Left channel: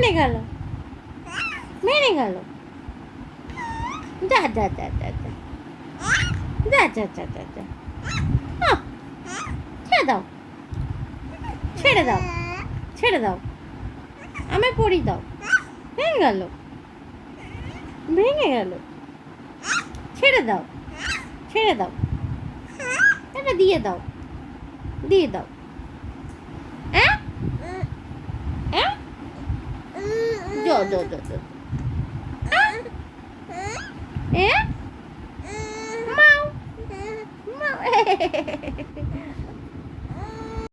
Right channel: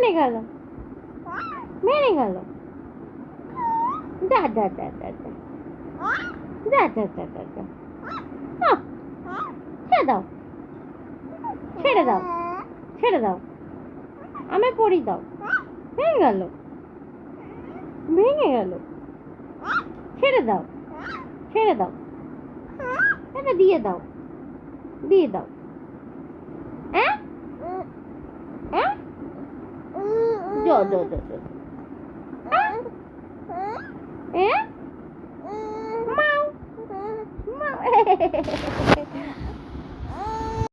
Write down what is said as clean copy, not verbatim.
ভেঙে গেল, ভেঙে গেল। যা যা যা যা যা যা যা যা যা যা। ছেড়ে দাও, ছেড়ে দাও, ছেড়ে দাও, আমায় পড়ি দাও। ভেঙে গেল, ভেঙে গেল। ছেড়ে দাও, ছেড়ে দাও, এটা দিয়ে দাও, দিয়ে দাও। হ্যাঁ হ্যাঁ, যো যো যো যো। মাও মাও